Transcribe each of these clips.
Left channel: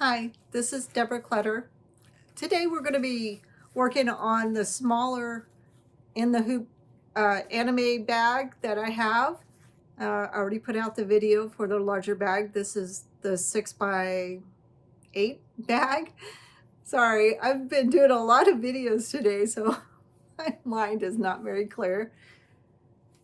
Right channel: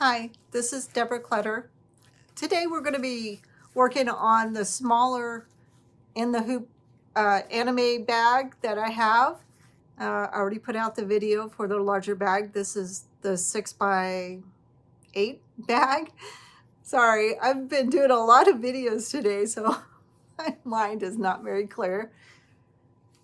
Hi, this is Deborah Clutter. Today we're going to be working on the smaller in the hoop anime bag that I have. I already put out the video for the larger bag. This is the 6x8 bag. Sorry, I've been doing a lot of videos today, so my mind is not very clear.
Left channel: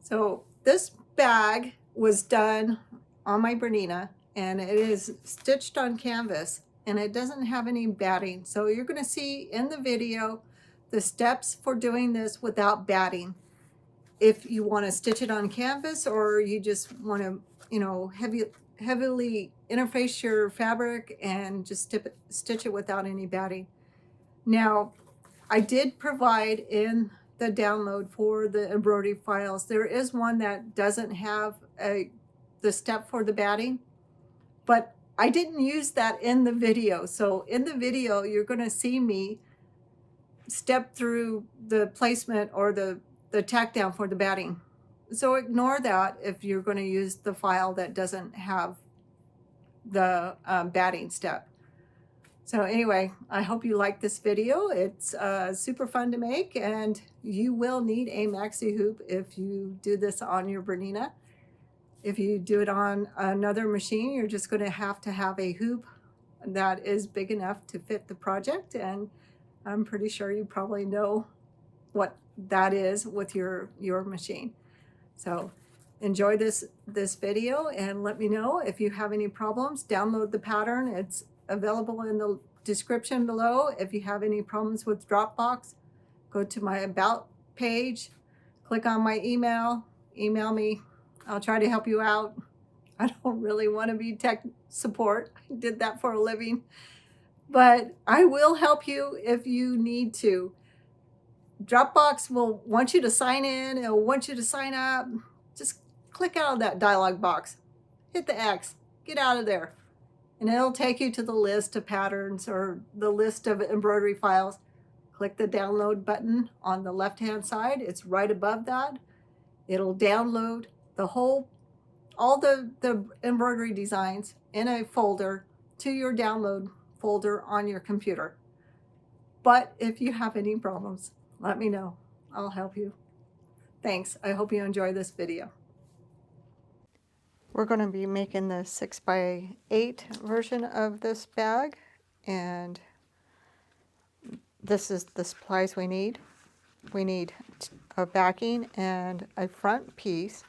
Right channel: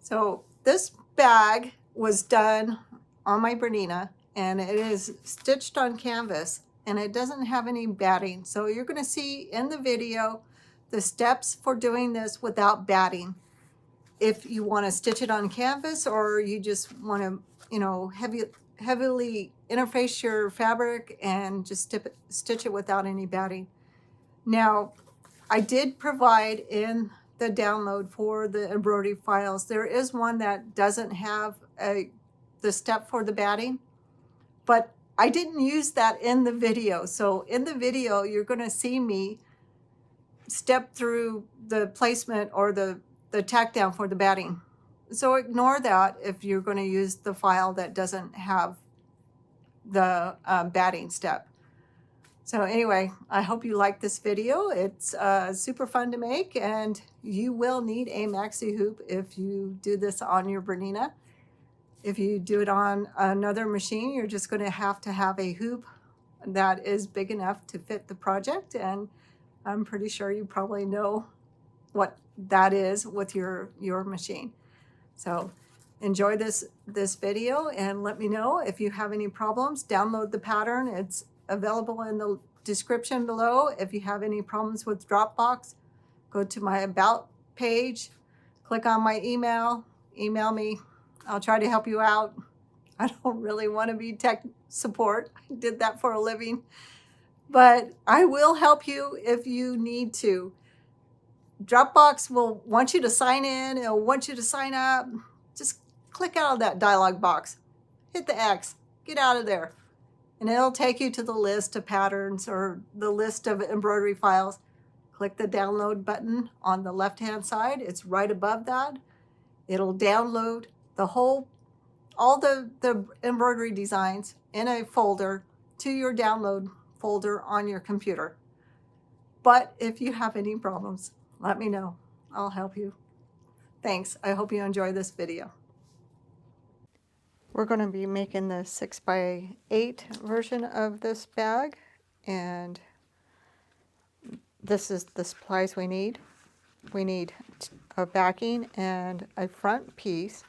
So this bag was done on my Bernina, and it is stitched on canvas, and it doesn't have any batting. So you're going to see in the video the steps for doing this without batting. If you want to stitch it on canvas, or you just want to, heavily interface your fabric and just stitch it without any batting. Now, I did provide in the download for the embroidery files, there is one that doesn't have the step for the batting, but I didn't use that in the video. So in the video, you're going to see me step through the placement or the tack down for the batting. So ignore that if you're going to use the file that doesn't have the batting step. So anyway, I hope you like this video. It's super fun to make, and you will need a maxi hoop if you do this on your Bernina. If you do it on another machine, you're just going to have a hoop that is big enough to fit the project, and I'm pretty sure you probably know what that is with your machine. So enjoy this video, and let me know if you have any problems. Download the pattern. It's available in the description below. If you have any problems with Dropbox, go to my About page, click on my email me. I'll try to help you out. I don't really want to be tech support. I did that for a living, but I will help you if you need to. Dropbox will want you to sign in. It'll want you to sign up. Just click out of that dialog box, hit the X, get out of there, and it'll take you to the list of patterns or the list of embroidery files. Click the download button on the left-hand side. It's right above that. It'll download all the embroidery designs in a folder to your download folder on your computer. But if you have any problems, let me know. I'll help you. Thanks. I hope you enjoy this video. We're going to be making the 6x8 version of this bag, and this is the supplies we need. We need a backing and a front piece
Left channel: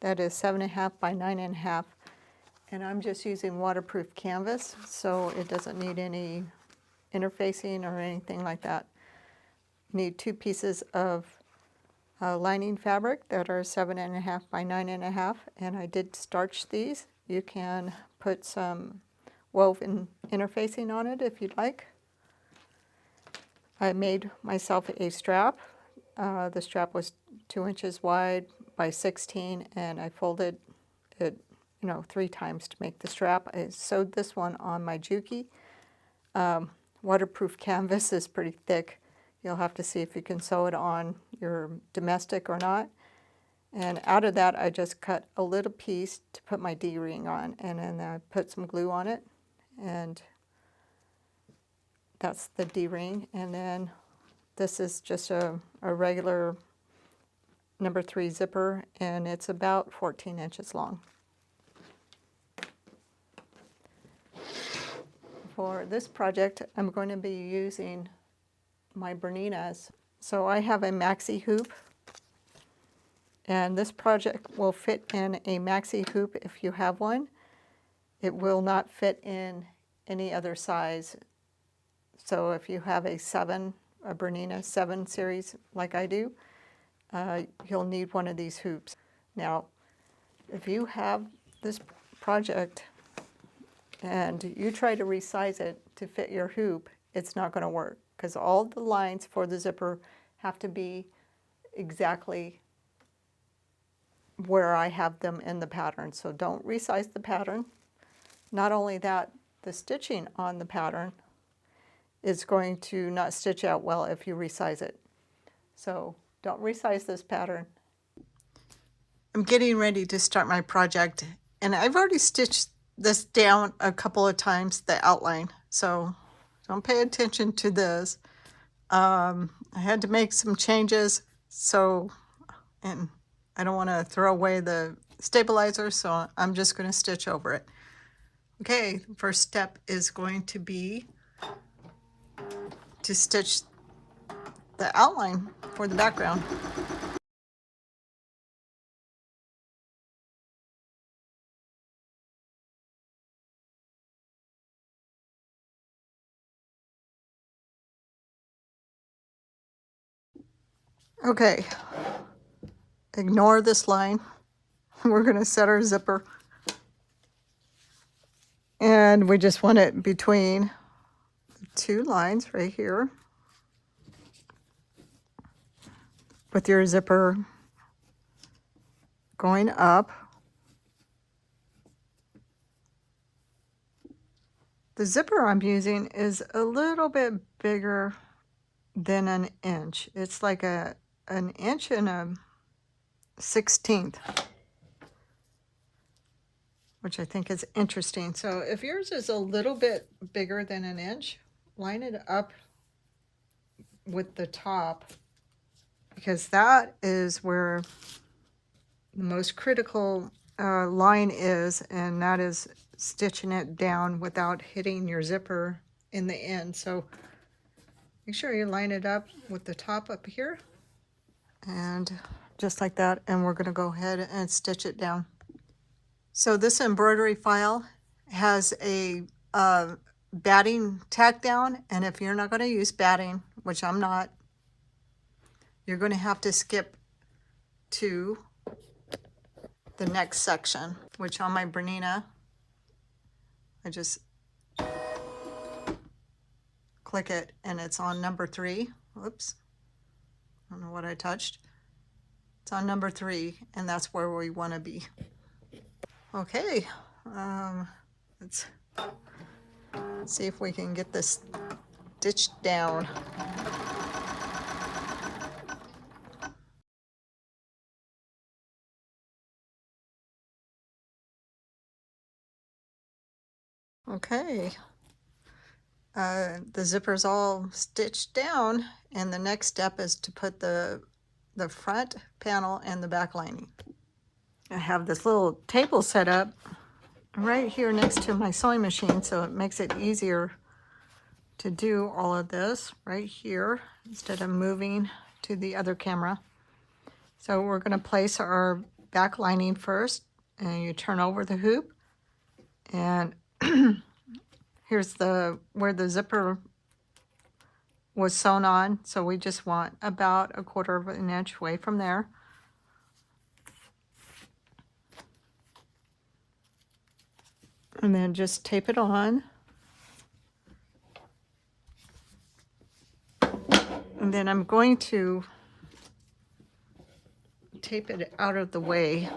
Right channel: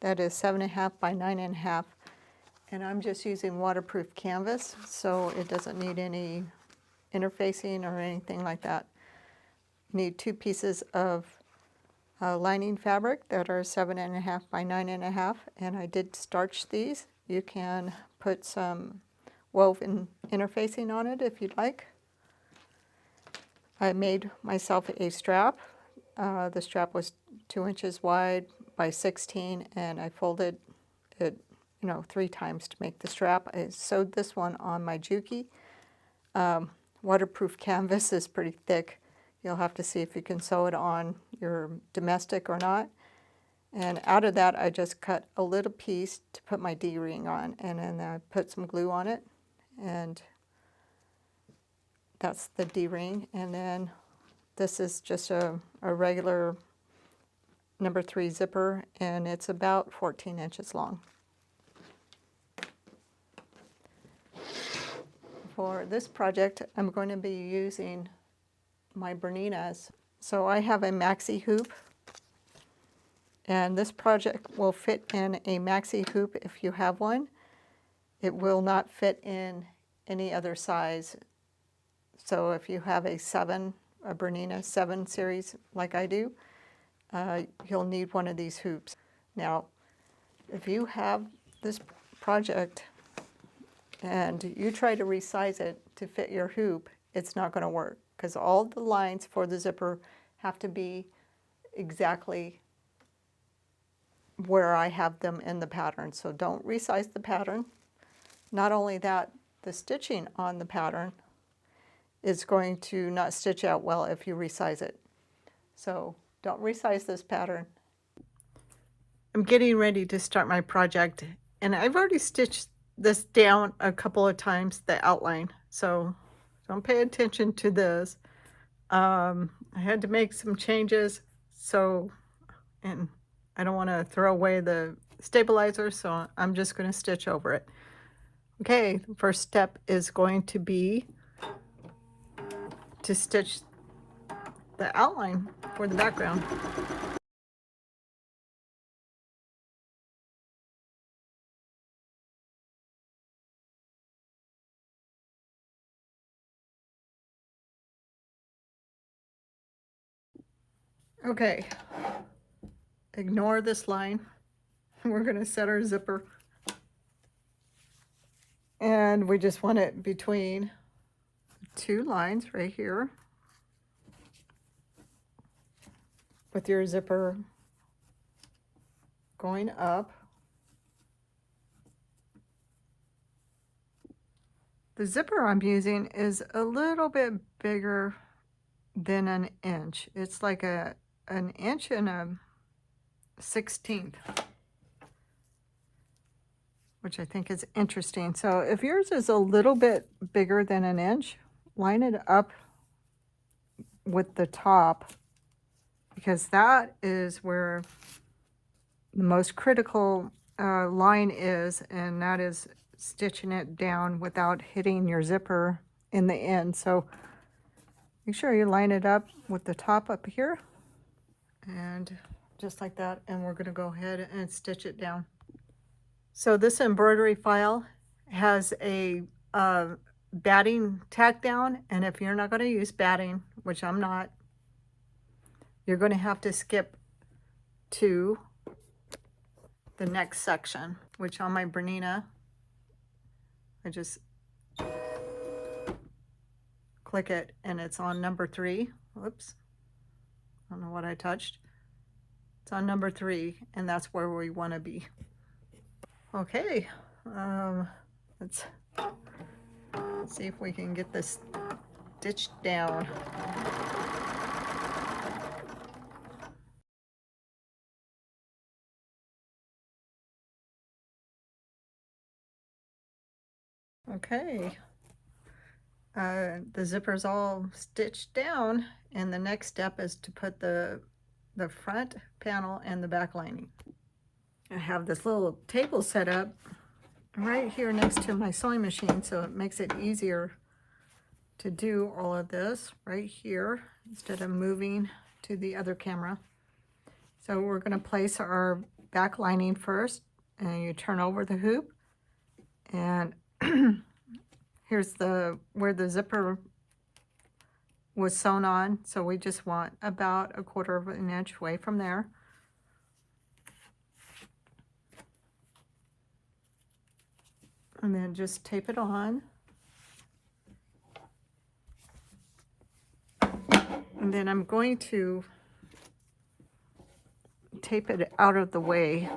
that is 7.5 by 9.5, and I'm just using waterproof canvas, so it doesn't need any interfacing or anything like that. Need 2 pieces of lining fabric that are 7.5 by 9.5, and I did starch these. You can put some woven interfacing on it if you'd like. I made myself a strap. The strap was 2 inches wide by 16, and I folded it 3 times to make the strap. I sewed this one on my Juki. Waterproof canvas is pretty thick. You'll have to see if you can sew it on your domestic or not. And out of that, I just cut a little piece to put my D-ring on, and then I put some glue on it, and that's the D-ring. And then this is just a regular number 3 zipper, and it's about 14 inches long. For this project, I'm going to be using my Berninas. So I have a maxi hoop, and this project will fit in a maxi hoop if you have one. It will not fit in any other size. So if you have a Bernina 7 series like I do, you'll need one of these hoops. Now, if you have this project and you try to resize it to fit your hoop, it's not going to work, because all the lines for the zipper have to be exactly where I have them in the pattern. So don't resize the pattern. Not only that, the stitching on the pattern is going to not stitch out well if you resize it. So don't resize this pattern. I'm getting ready to start my project, and I've already stitched this down a couple of times, the outline. So don't pay attention to this. I had to make some changes, so, and I don't want to throw away the stabilizer, so I'm just going to stitch over it. Okay, the first step is going to be to stitch the outline for the background. Okay, ignore this line. We're going to set our zipper. And we just want it between two lines right here, with your zipper going up. The zipper I'm using is a little bit bigger than an inch. It's like an inch and a 1/16, which I think is interesting. So if yours is a little bit bigger than an inch, line it up with the top, because that is where the most critical line is, and that is stitching it down without hitting your zipper in the end. So make sure you line it up with the top up here, and just like that, and we're going to go ahead and stitch it down. So this embroidery file has a batting tack down, and if you're not going to use batting, which I'm not, you're going to have to skip to the next section, which on my Bernina, I just click it and it's on number 3. Whoops, I don't know what I touched. It's on number 3, and that's where we want to be. Okay, let's see if we can get this stitched down. Okay, the zipper's all stitched down, and the next step is to put the front panel and the back lining. I have this little table set up right here next to my sewing machine, so it makes it easier to do all of this right here instead of moving to the other camera. So we're going to place our back lining first, and you turn over the hoop, and here's where the zipper was sewn on, so we just want about 1/4 of an inch away from there. And then just tape it on. And then I'm going to tape it out of the way.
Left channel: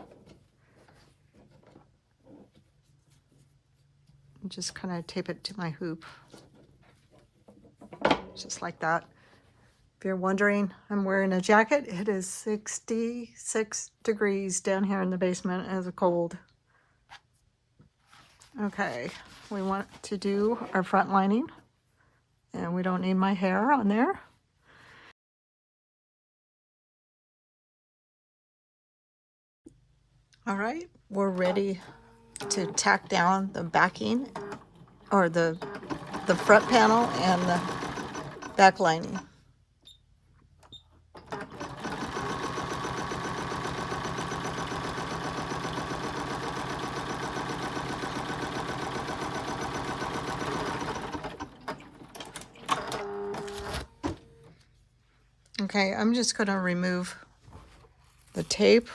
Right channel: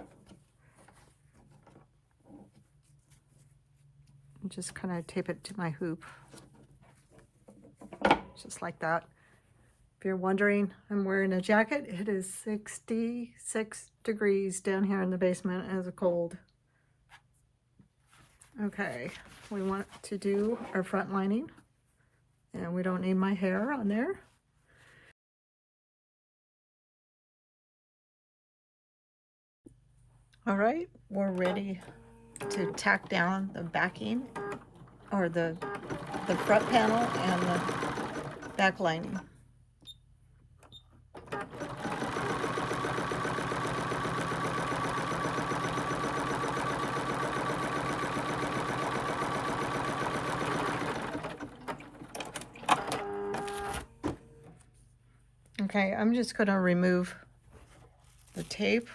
And just kind of tape it to my hoop. Just like that. If you're wondering, I'm wearing a jacket. It is 66 degrees down here in the basement. It's cold. Okay, we want to do our front lining, and we don't need my hair on there. All right, we're ready to tack down the backing, or the front panel and the back lining. Okay, I'm just going to remove the tape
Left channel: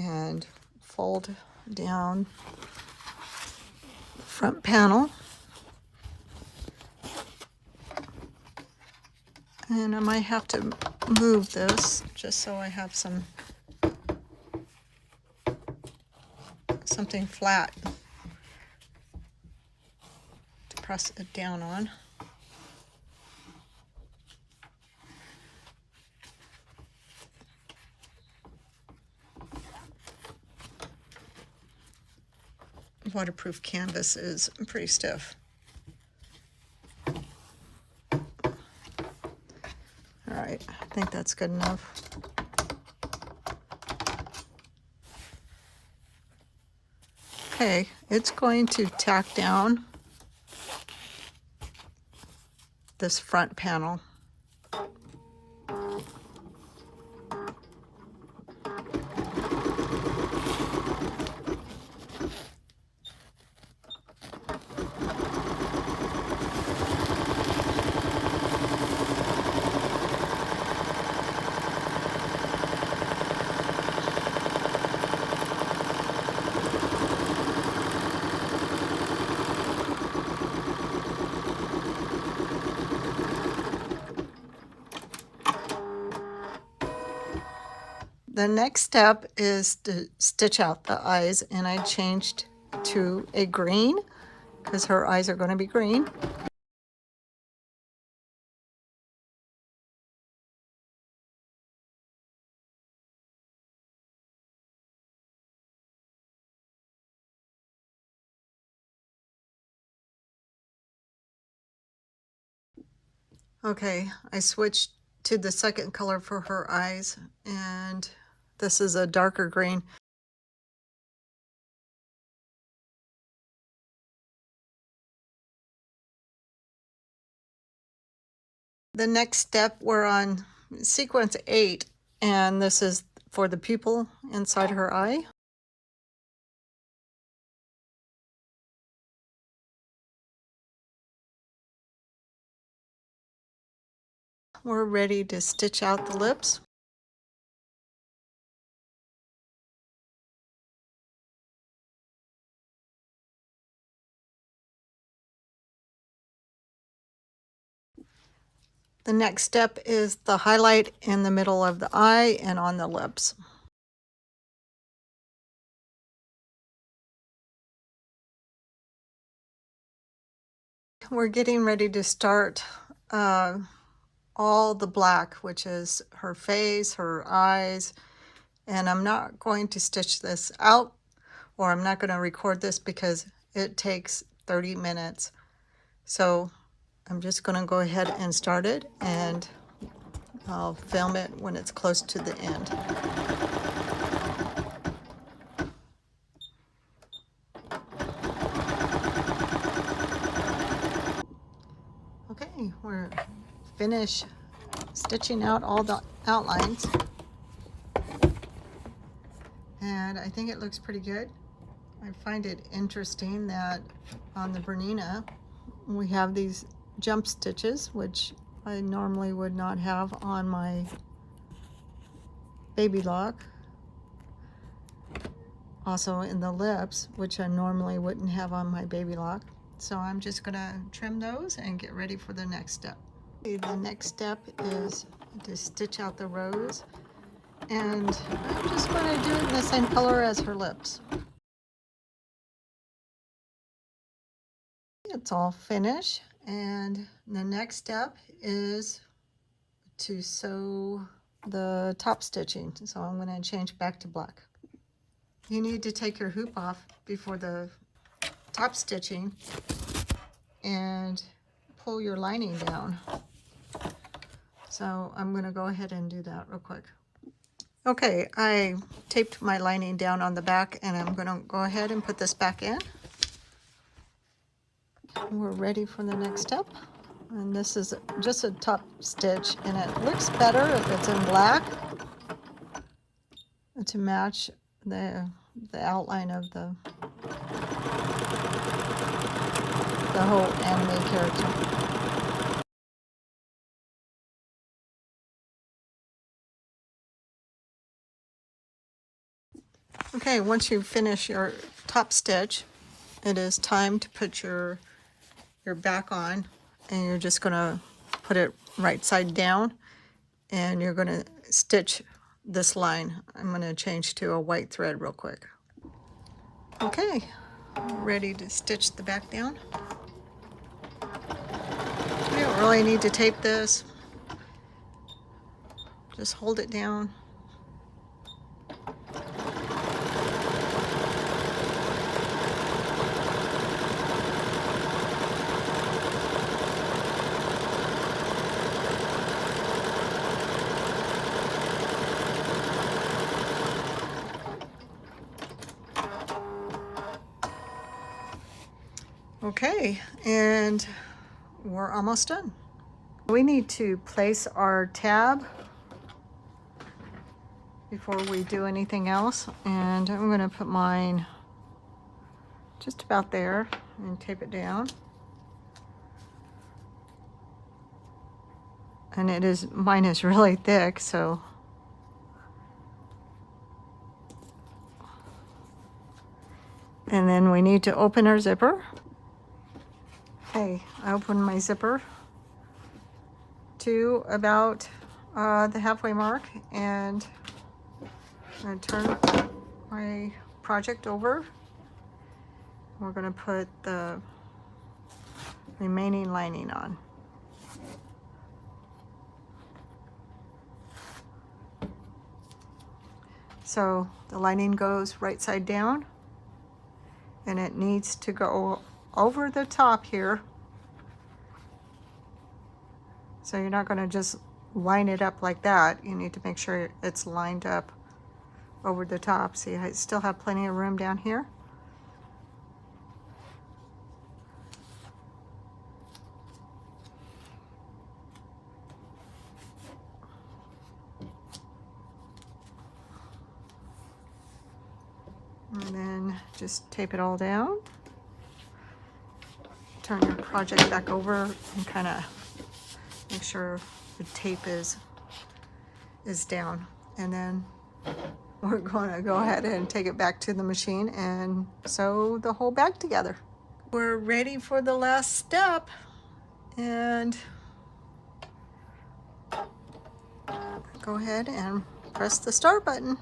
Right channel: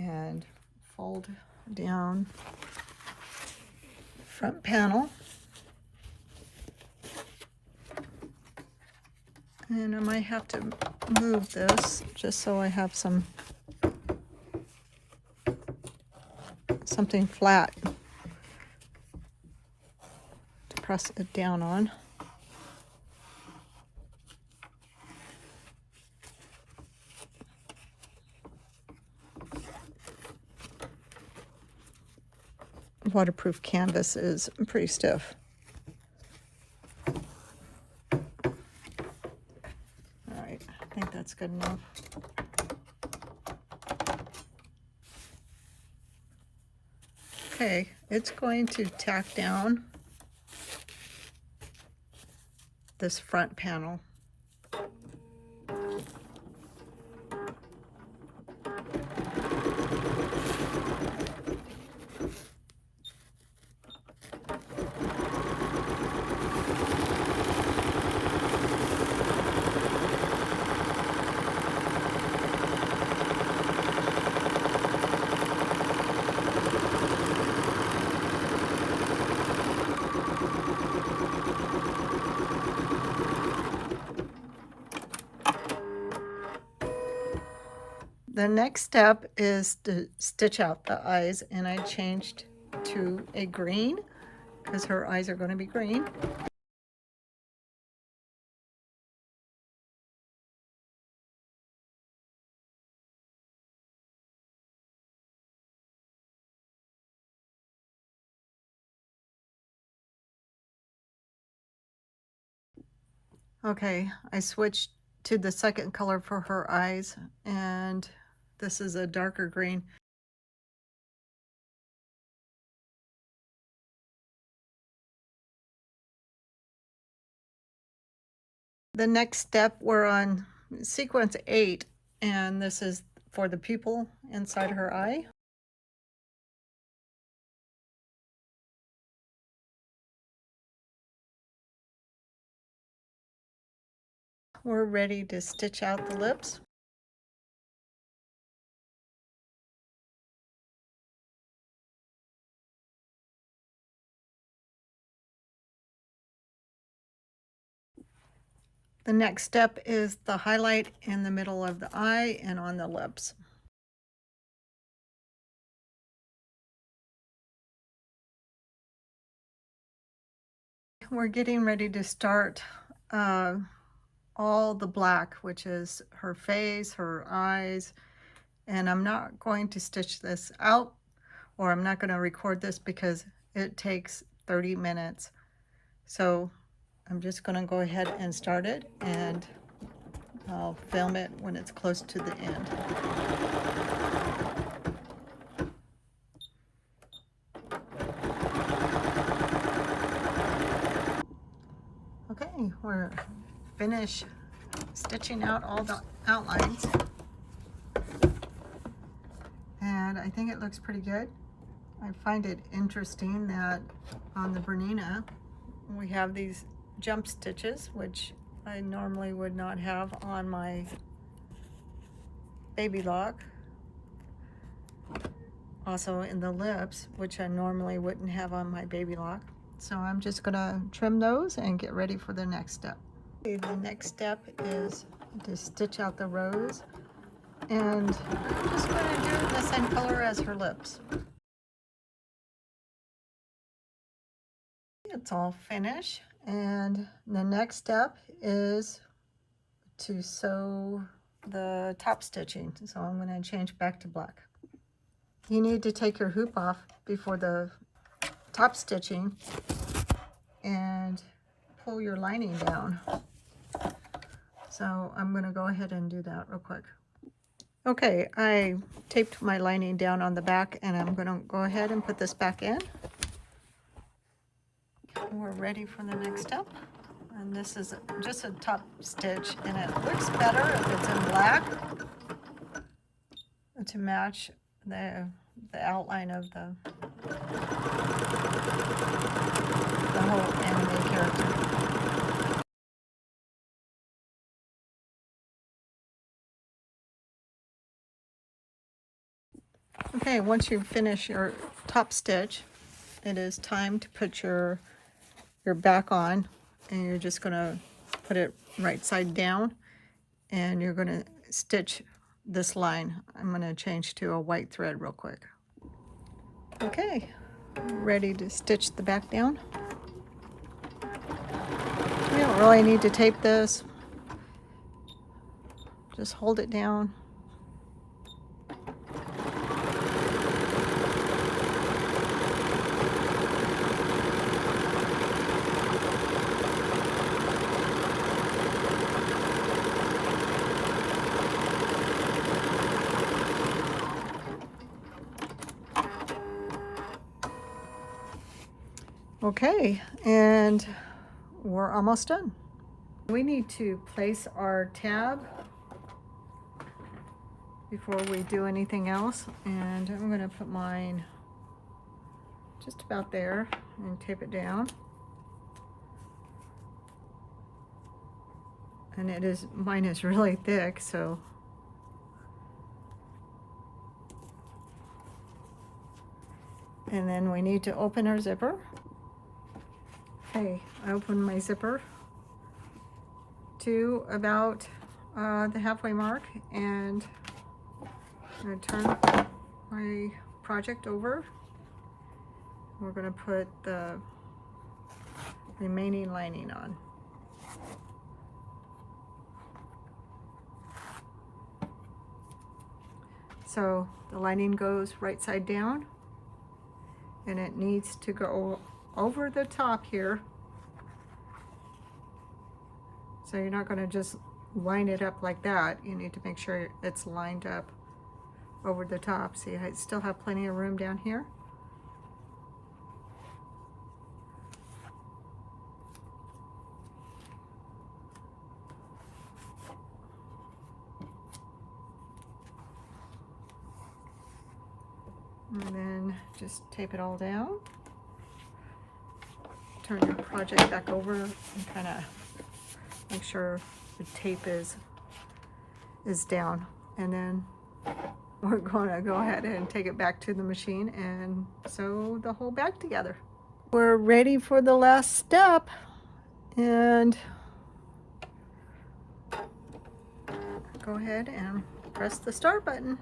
and fold down the front panel. And I might have to move this just so I have something flat to press it down on. waterproof canvas is pretty stiff. All right, I think that's good enough. Okay, it's going to tack down this front panel. The next step is to stitch out the eyes, and I changed to a green because her eyes are going to be green. Okay, I switched to the second color for her eyes, and this is a darker green. The next step, we're on sequence 8, and this is for the pupil inside her eye. We're ready to stitch out the lips. The next step is the highlight in the middle of the eye and on the lips. We're getting ready to start all the black, which is her face, her eyes, and I'm not going to stitch this out, or I'm not going to record this because it takes 30 minutes. So I'm just going to go ahead and start it, and I'll film it when it's close to the end. Okay, we're finished stitching out all the outlines, and I think it looks pretty good. I find it interesting that on the Bernina we have these jump stitches, which I normally would not have on my baby lock. Also in the lips, which I normally wouldn't have on my baby lock. So I'm just gonna trim those and get ready for the next step. Okay, the next step is to stitch out the rose, and I'm just gonna do it the same color as her lips. It's all finished, and the next step is to sew the top stitching. So I'm going to change back to black. You need to take your hoop off before the top stitching and pull your lining down. So I'm going to go ahead and do that real quick. Okay, I taped my lining down on the back, and I'm going to go ahead and put this back in. We're ready for the next step, and this is just a top stitch, and it looks better if it's in black to match the outline of the whole anime character. Okay, once you finish your top stitch, it is time to put your back on, and you're just going to put it right side down, and you're going to stitch this line. I'm going to change to a white thread real quick. Okay, ready to stitch the back down. You don't really need to tape this. Just hold it down. Okay, and we're almost done. We need to place our tab before we do anything else, and I'm going to put mine just about there and tape it down. And mine is really thick, so and then we need to open our zipper. Okay, I opened my zipper to about the halfway mark, and I'm going to turn my project over. We're going to put the remaining lining on. So the lining goes right side down, and it needs to go over the top here. So you're not going to just line it up like that. You need to make sure it's lined up over the top. See, I still have plenty of room down here. And then just tape it all down. Turn your project back over and kind of make sure the tape is down. And then we're going to go ahead and take it back to the machine and sew the whole bag together. We're ready for the last step, and go ahead and press the start button.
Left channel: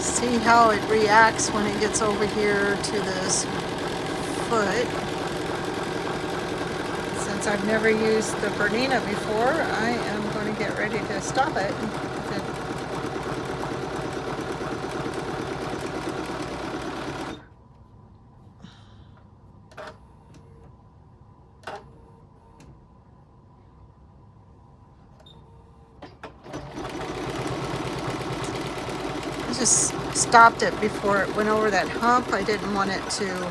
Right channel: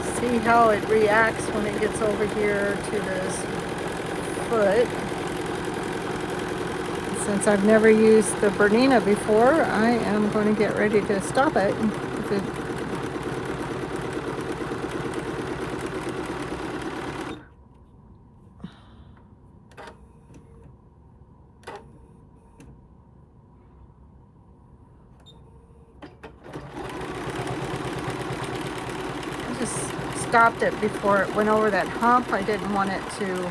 See how it reacts when it gets over here to this foot. Since I've never used the Bernina before, I am going to get ready to stop it. I just stopped it before it went over that hump. I didn't want it to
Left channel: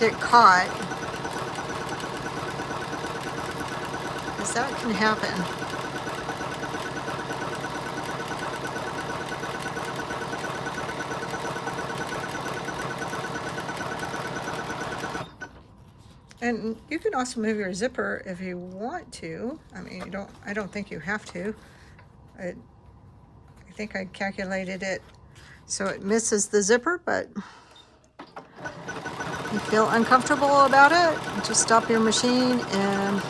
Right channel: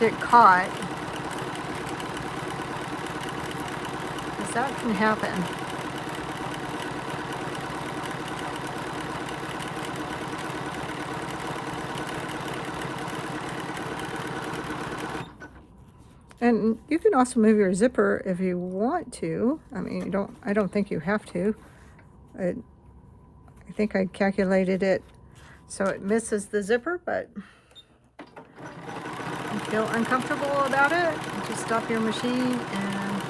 get caught, because that can happen. And you can also move your zipper if you want to. I mean, I don't think you have to. I think I calculated it so it misses the zipper, but if you feel uncomfortable about it, just stop your machine, and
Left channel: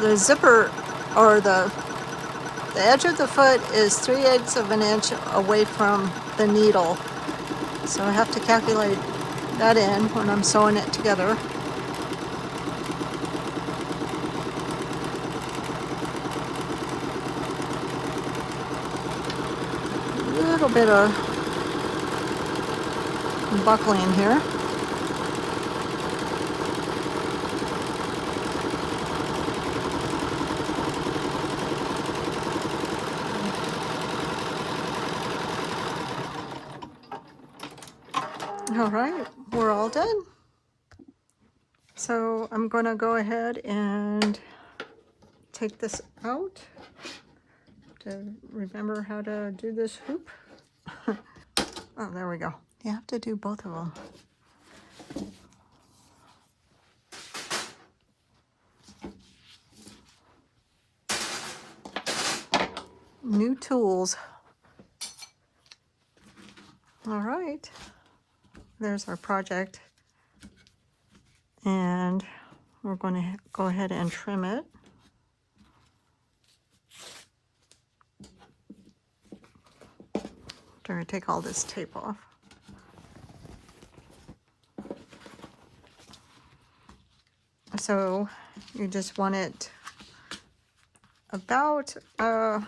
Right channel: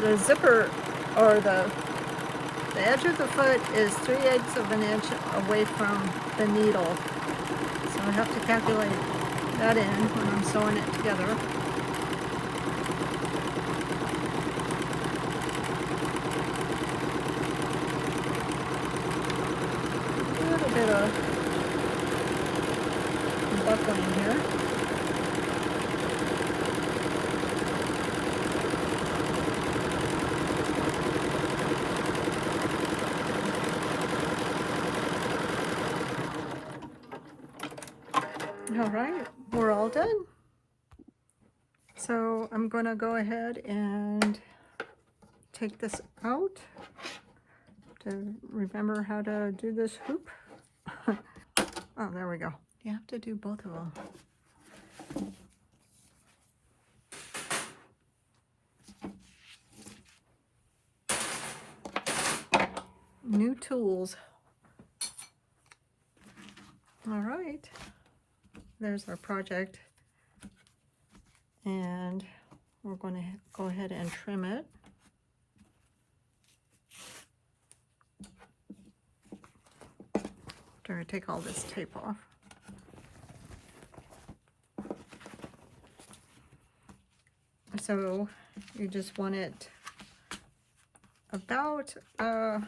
the zipper, or the edge of the foot is 3/8 of an inch away from the needle. So I have to calculate that in when I'm sewing it together. A little bit of buckling here. All right, we're all done. So I'm going to go ahead and take this out to remember how to do this hoop. Oh, there we go. You have to do both of them. New tools. All right, there's our project, and we're going to go ahead and trim it. I'm going to take all this tape off. So you just want it about, and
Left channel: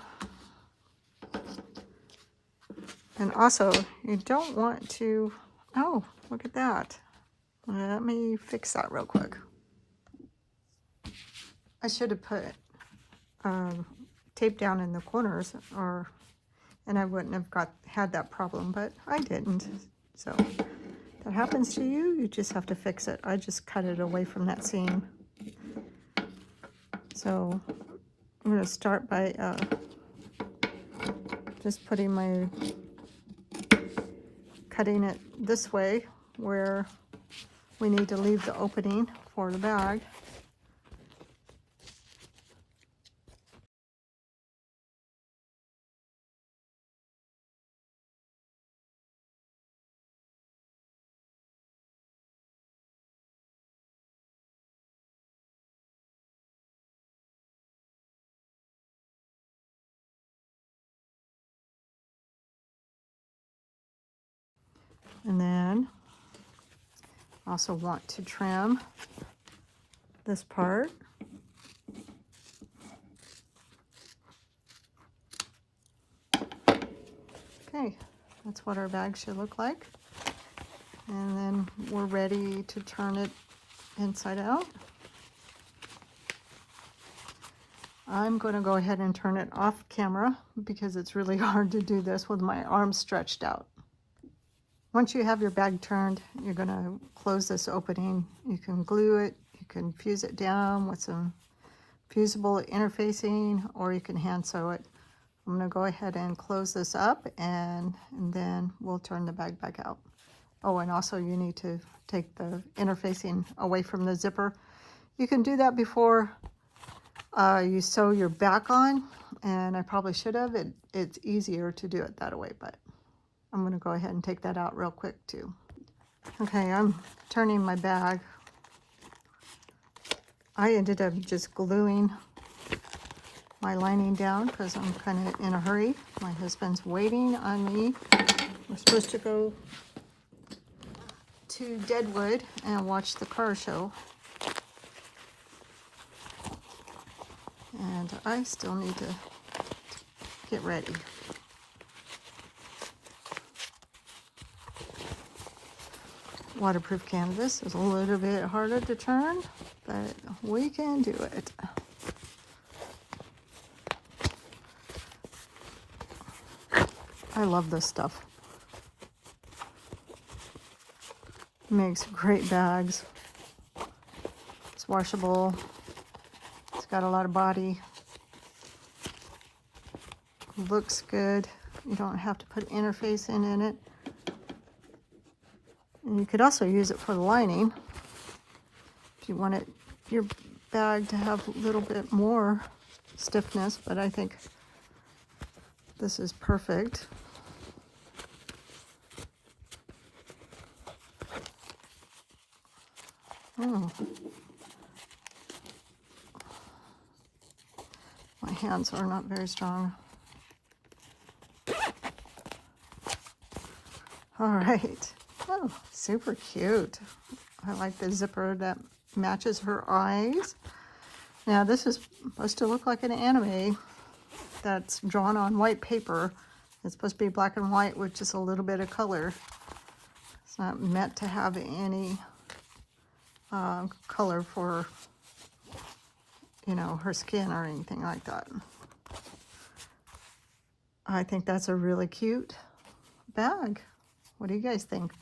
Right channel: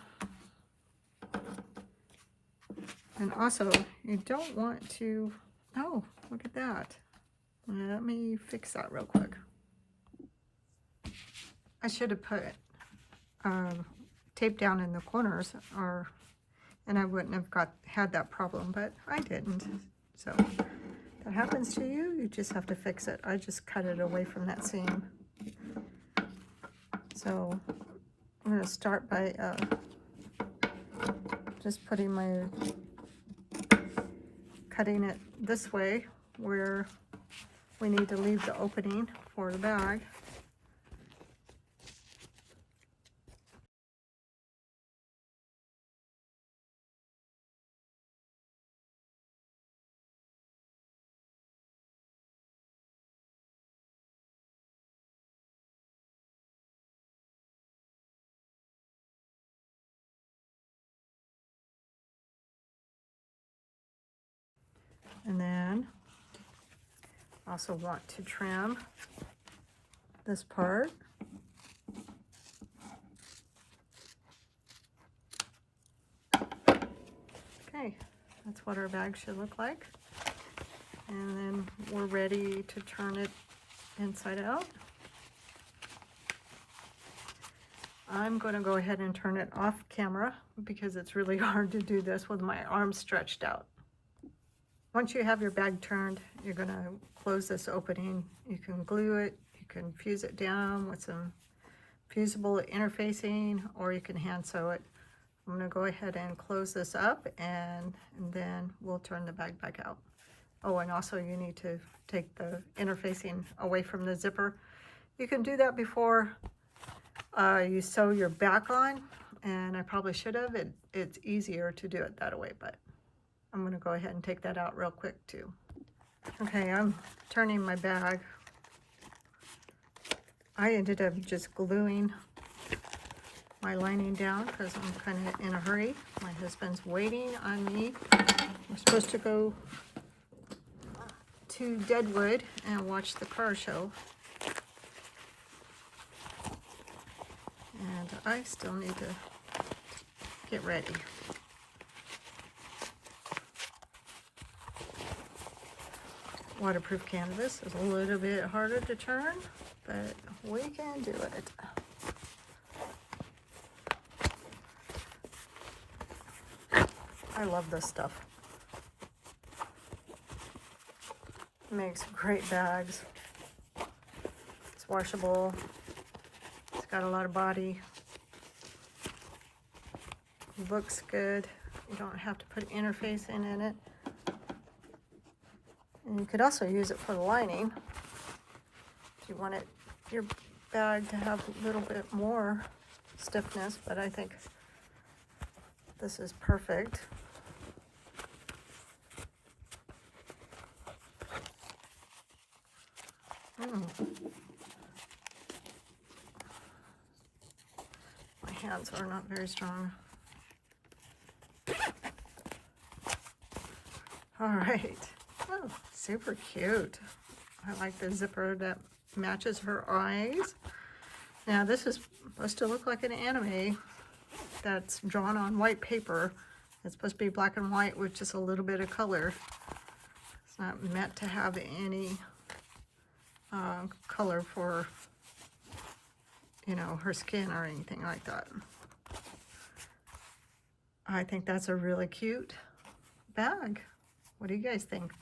also you don't want to, oh, look at that. That let me fix that real quick. I should have put tape down in the corners, and I wouldn't have had that problem, but I didn't. So if that happens to you, you just have to fix it. I just cut it away from that seam. So I'm going to start by just putting cutting it this way where we need to leave the opening for the bag. And then also want to trim this part. Okay, that's what our bag should look like. And then we're ready to turn it inside out. I'm going to go ahead and turn it off camera because it's really hard to do this with my arms stretched out. Once you have your bag turned, you're going to close this opening. You can glue it, you can fuse it down with some fusible interfacing, or you can hand sew it. I'm going to go ahead and close this up, and then we'll turn the bag back out. Oh, and also you need to take the interfacing away from the zipper. You can do that before you sew your back on, and I probably should have. It's easier to do it that way, but I'm going to go ahead and take that out real quick too. Okay, I'm turning my bag. I ended up just gluing my lining down because I'm kind of in a hurry. My husband's waiting on me. I'm supposed to go to Deadwood and watch the car show. And I still need to get ready. Waterproof canvas is a little bit harder to turn, but we can do it. I love this stuff. It makes great bags. It's washable. It's got a lot of body. It looks good. You don't have to put interfacing in it. And you could also use it for the lining if you wanted your bag to have a little bit more stiffness, but I think this is perfect. Oh. My hands are not very strong. All right. Oh, super cute. I like the zipper that matches her eyes. Now this is supposed to look like an anime that's drawn on white paper. It's supposed to be black and white with just a little bit of color. It's not meant to have any color for, you know, her skin or anything like that. I think that's a really cute bag. What do you guys think?